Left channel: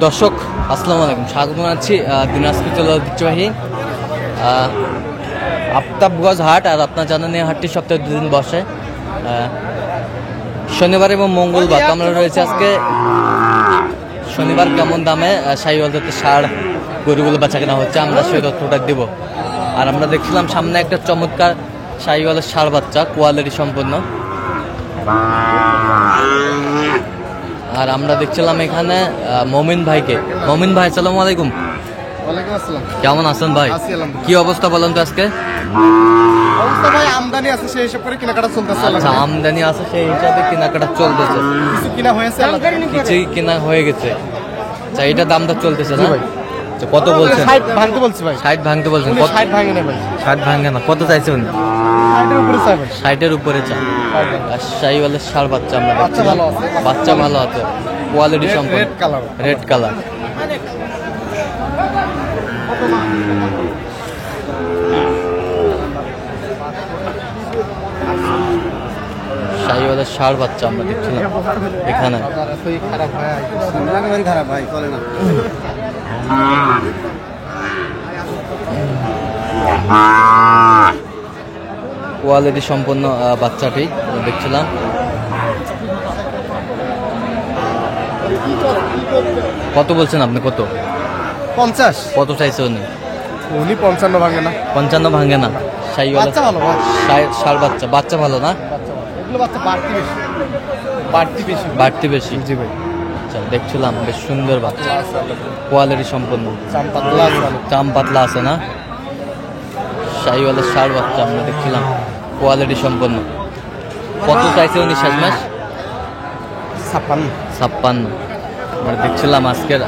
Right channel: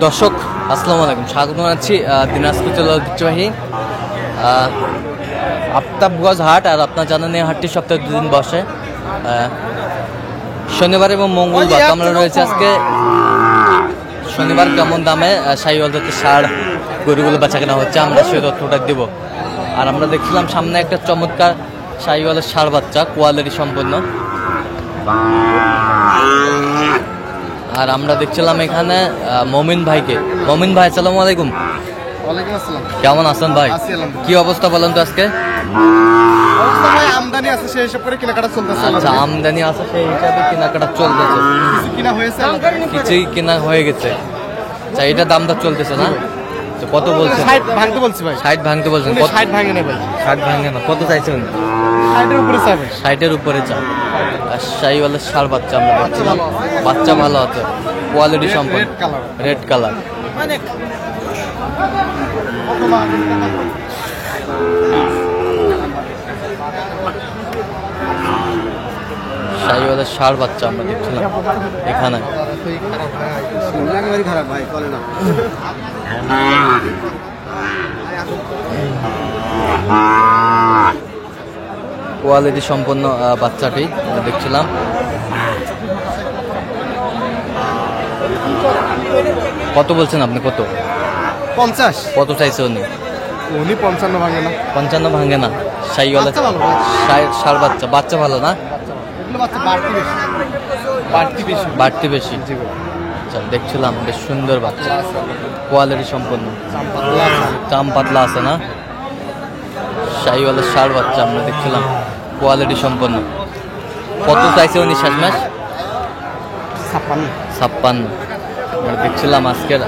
দর্শক আসসালামু আলাইকুম, স্বাগত জানাচ্ছি দিনাজপুর জেলার ঐতিহ্যবাহী আফতাবগঞ্জ হাট। আর আপনার জানেন এই হাটটি সপ্তাহে 2 দিন বসে, শনিবার এবং মঙ্গলবার। আমরা রয়েছে আজকে শনিবার কেমন দামে শাহিওয়াল জাতের ষাঁড় গরুগুলো বেচা কেনা হচ্ছে, আমরা সেই তথ্যটা দিব। আর আমরা দেখছিলাম সামনে একটা চমৎকার শাহিওয়ালের ষাঁড় বাচ্চা, কোয়ালিটি সম্পন্ন। আর আমরা দেখছিলাম এখানে মমিন ভাইকে। মমিন ভাই আসসালামু আলাইকুম। ওয়ালাইকুম আসসালাম। কেমন আছেন ভাই? কি অবস্থা বলেন তো আজকে? অবস্থা ভাই আমদানি আছে সেই হিসাব করে কেনাকাটা চলতেছে। আচ্ছা, আমদানি আছে সেই হিসাবে কেনাকাটা চলতেছে। কিছু কিনা হয়েছে, কিছুই কেনা হয়ে গেছে। আচ্ছা, এটা দামটা চলতেছে না? কত বলছেন? 60 ভাঙতে বলছি ভাই। 60 ভাঙতে বলছেন? 60 ভাঙে না ভাই। 60 ভাঙে না, কত চাইছেন? 60 এর উপরে চাই ভাই। 60-এর উপরে চাই। আর শাহিওয়ালের ষাঁড় বাচ্চা আমরা দেখছিলাম, বাচ্চা ভালো আছে, কোয়ালিটি সম্পন্ন, রেড কালার। শাহিওয়ালের ষাঁড় বাচ্চা আমরা দেখছিলাম এখানে। কোয়ালিটি সম্পন্ন বাচ্চাটি আমরা দেখছিলাম। কত বলছেন আপনি? কত? 50। কত চাইছে উনি? 55 ভাঙে না। 55 ভাঙে না। শাহিওয়ালের ষাঁড় বাচ্চা, বাচ্চা ভালো না? এগুলো বাচ্চা বাড়তি বেশি। জি ভাই। আচ্ছা, দেখছিলাম বেশ সুন্দর বাচ্চা, কোয়ালিটি সম্পন্ন, চাম পাতলা আছে না? শাহিওয়ালের ষাঁড় বাচ্চা আমরা দেখছিলাম, কোয়ালিটি সম্পন্ন। কত চাইছে উনি শেষমেশ? 56। আমরা দেখছিলাম আজকের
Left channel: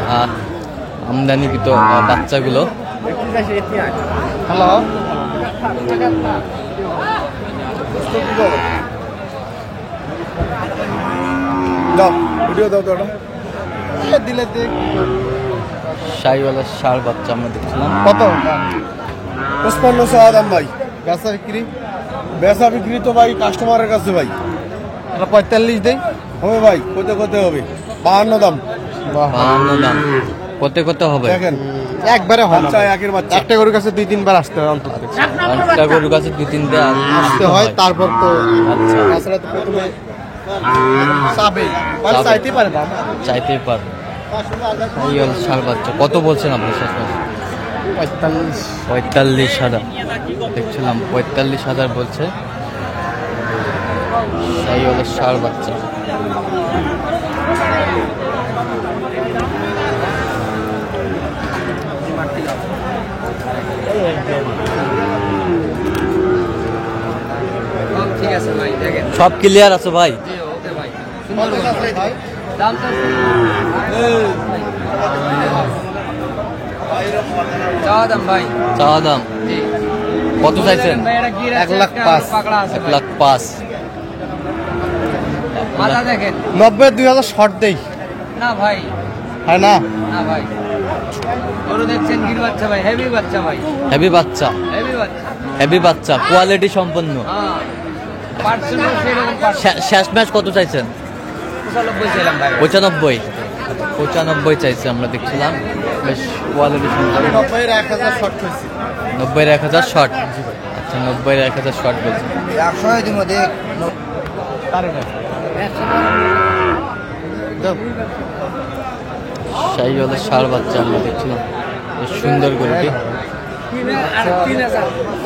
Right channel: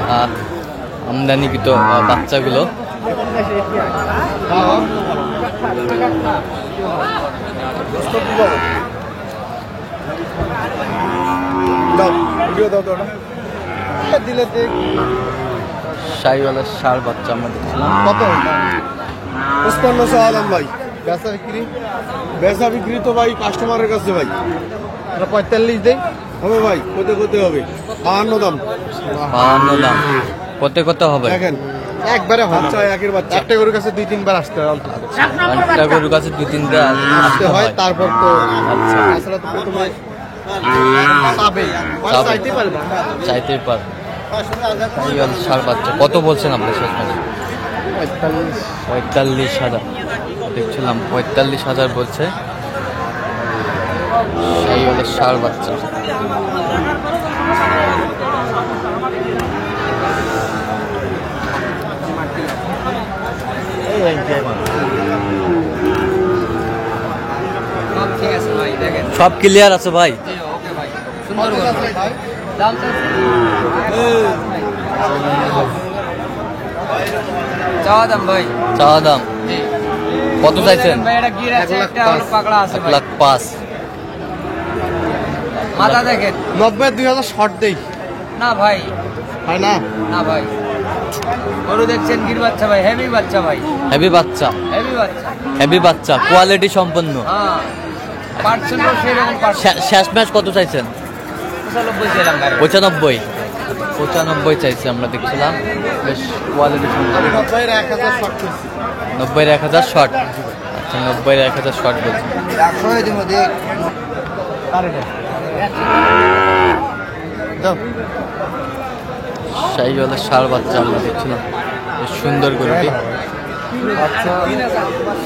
আমদানিকৃত বাচ্চাগুলো। শাহিওয়ালের ষাঁড় বাচ্চা আমরা দেখছিলাম। কত? 55 আরাম ভাই। বেচা বিক্রি তো ভাই কাস্টমারের কাছে ভাই। 45 দেই হবে ভাই। কত হবে? 52 দাম। 52 দাম। কত হবে? দেখেন একবারে বাচ্চা একের বাচ্চা। একটা গরুর কাছে 2-3 বার আসতে হয়। একটা গরুর কাছে 2-3 বার আসতে হয়, তারপর তো আচ্ছা তাছাড়া তো প্রথমে চাইতেই পার। শাহিওয়াল ষাঁড় বাচ্চা কত বলছেন আপনি শেষমেশ? 45,000 দেখছিলাম, 45,000 বলছে শাহিওয়ালের ষাঁড় বাচ্চা। সব ক্লিয়ার আছে ভাই? চাওয়া দাম কত চাইছেন? 1,05,000। 90,000 শর্ট দেই না ভাই, হয় না? না ভাই, গরু দেখছেন গির বাচ্চা ভাই, হেভি বাচ্চা ভাই, হেভি বাচ্চা, হেভি বাচ্চা, কোয়ালিটি সম্পন্ন। শেষ ম্যাচ কত চাইছেন? 95 ছিলাম ভাই। 95 চাইছে আমরা দেখছিলাম, বেশ কোয়ালিটি সম্পন্ন। 90-এর 1,000 শর্ট। আচ্ছা, 90-এর 1,000 শর্ট বলছেন। শাহিওয়ালের ষাঁড় বাচ্চা আমরা দেখছিলাম, বেশ সুন্দর গরুটি।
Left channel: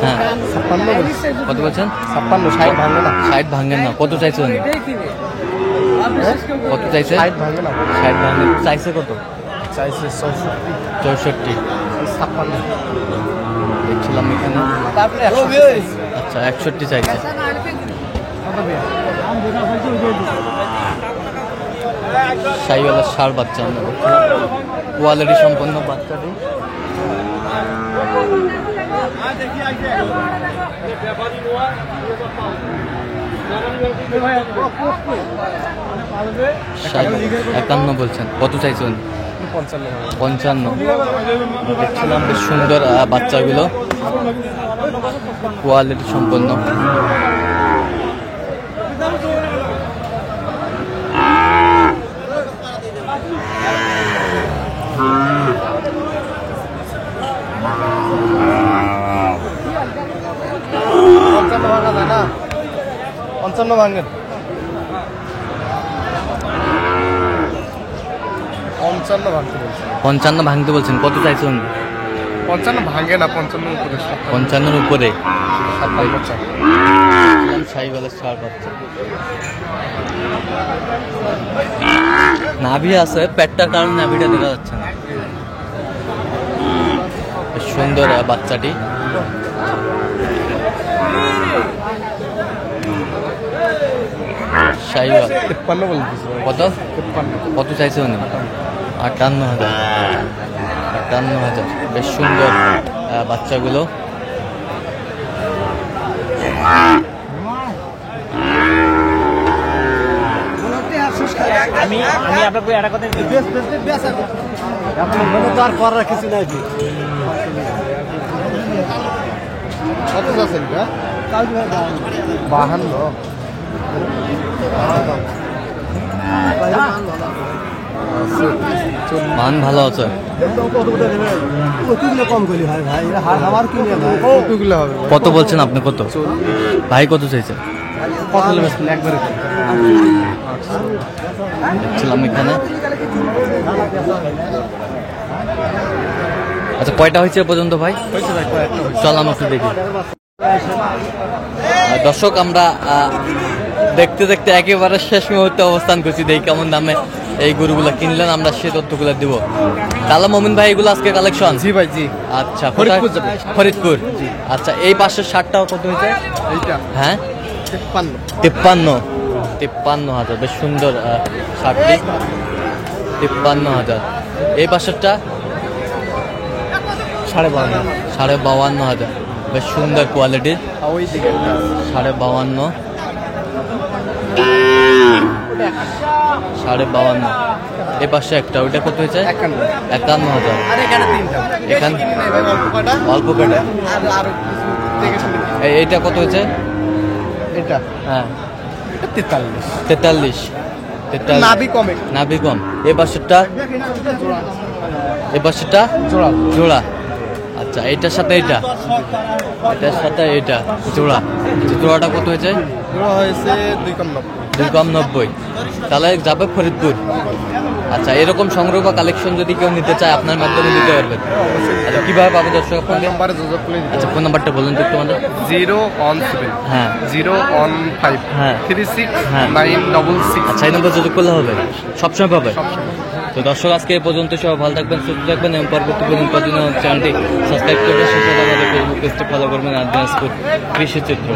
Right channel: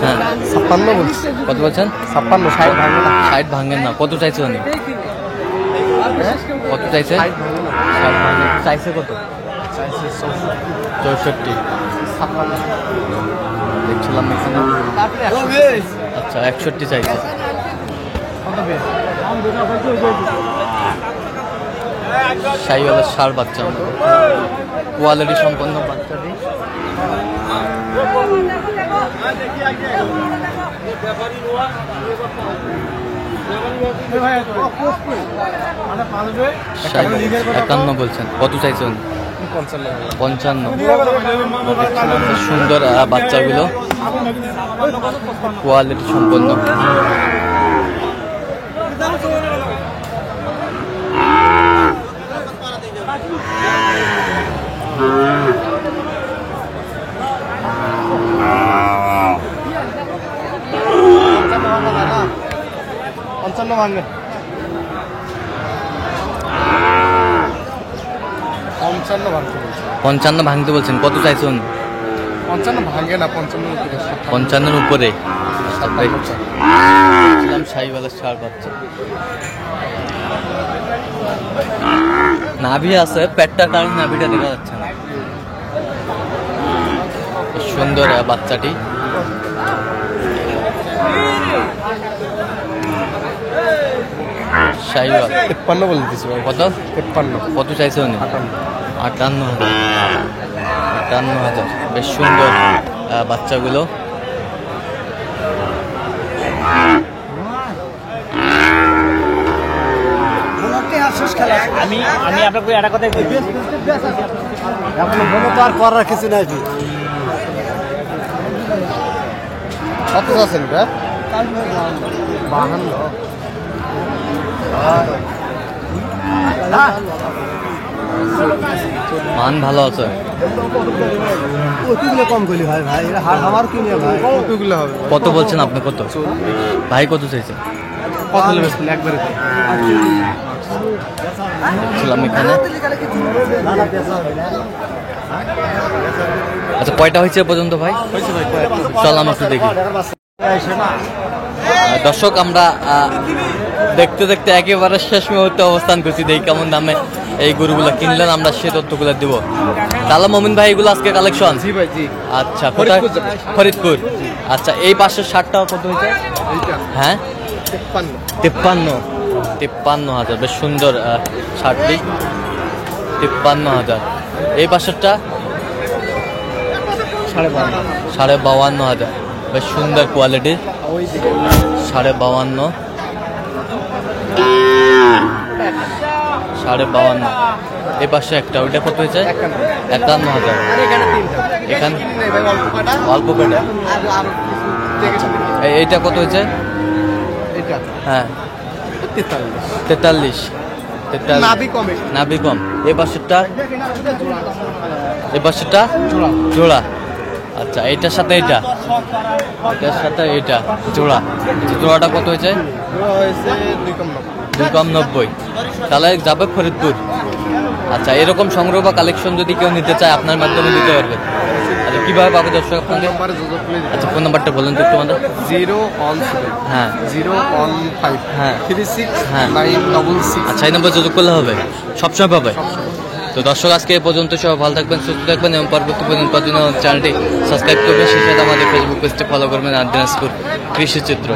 হ্যাঁ, 56 বলছি। কত বলছেন? 56। 60 ভাঙে না। 60 ভাঙেন না। কত চাইছে উনি? কত চাইছে? 60 ভাঙে। চাইছে কত? 64। দেখছিলাম এখানে। আচ্ছা, 61 চাইছে। শাহিওয়ালের ষাঁড় বাচ্চা আমরা কোয়ালিটি সম্পন্ন বাচ্চাটি। একান্ন বলছেন, কত চাইছেন? 55। দেখছিলাম খুব সুন্দর বাচ্চাগুলো, কোয়ালিটি সম্পন্ন। ভাঙে 55 ভাঙতে বলছে 55 ভাঙতে বলছেন, কত চাইছেন? 55 ভাঙে না, 55 উপরে 55-এর উপরে। 57 শাহিওয়ালের ষাঁড় বাচ্চা, নাভি আছে, পেটটার কারণে নাভিটা দেখা যাচ্ছে না। সুন্দর বাচ্চাটি। শাহিওয়াল 53 বলে দিছি ভাই। কত 53 কত চাইছে উনি? 58,000। 58,000। বেশ সুন্দর বাচ্চাগুলো। আমি আপনাকে একটা কথা এখন বলে তো আর করার কিছু নাই জি। কত আছেন ভাই? 52 মান ভালো আছে। কতগুলো কম করলি ভাই ভাই এটা আমার কিনে ভাই কতগুলো হবে কত বলছেন আপনি? কত ভাই কত চাইছে? কত নেবেন একবারে দেখছিলাম এখানে। আচ্ছা, কয়টা হয়েছে এ পর্যন্ত ভাই? হয়েছে ভাই কয়েকটা চল আমরা একটু দেখি। দর্শক, আমরা দেখতে দেখতে একেবারে শেষ মুহূর্তে অবস্থান করছি। দেখি কেমন দামে এই গরুগুলা কিনলেন, আমরা সে তথ্যগুলো দিব। তাহলে মমিন ভাই, এগুলো আজকে কালেকশন? জি ভাই জি। আচ্ছা, কোথায়? ফরিদপুর। আচ্ছা, এই পাশের 60টাও কত হয়েছে? এইটা হ্যাঁ 53 53,000। বেশ সুন্দর শার্টটি। 53,000। এই পাশেরটা 52,500। বেশ সুন্দর কোয়ালিটির। 52,500। 52,500। এই পাশে একটা, ওইটা কত হয়েছে? 51,000। এখানে অল্প কটা। এইটা কত হয়েছে? এটা হ্যাঁ 43 43। নাভি কমে নাভি কম। এই পাশেরটা? এই পাশেরটা জোড়া। আচ্ছা, এইটার সাথে এইটা, এটার সাথে এইটা জোড়া। জোড়াটা কত হয়েছে? জোড়া হয়েছে 2 কম 2,90। তাহলে যাবে ফরিদপুর। আচ্ছা, এরকম সংগ্রহ বা কালেকশন যদি কেউ নিতে চায়, আপনার মাধ্যমে দিতে পারবেন। আচ্ছা, কিভাবে পাবে দর্শক আপনাকে? আচ্ছা, ফোন নাম্বারটা বলেন তো একটু আমাদের। 017 হ্যাঁ 015 হ্যাঁ 36 হ্যাঁ। 966। আচ্ছা, এই নাম্বার যোগাযোগ করলে হবে, সবসময় পাবে। তো দর্শক, আজকে এই পর্যন্ত। সবাই ভালো থাকবেন, সুস্থ থাকবেন এবং পরবর্তী পর্যন্ত চ্যানেলটি সাবস্ক্রাইব করবেন। সেই সাথে আমাদের ফেসবুক পেজটি ফলো করবেন, আর দিনাজপুর কৃষি চিত্র।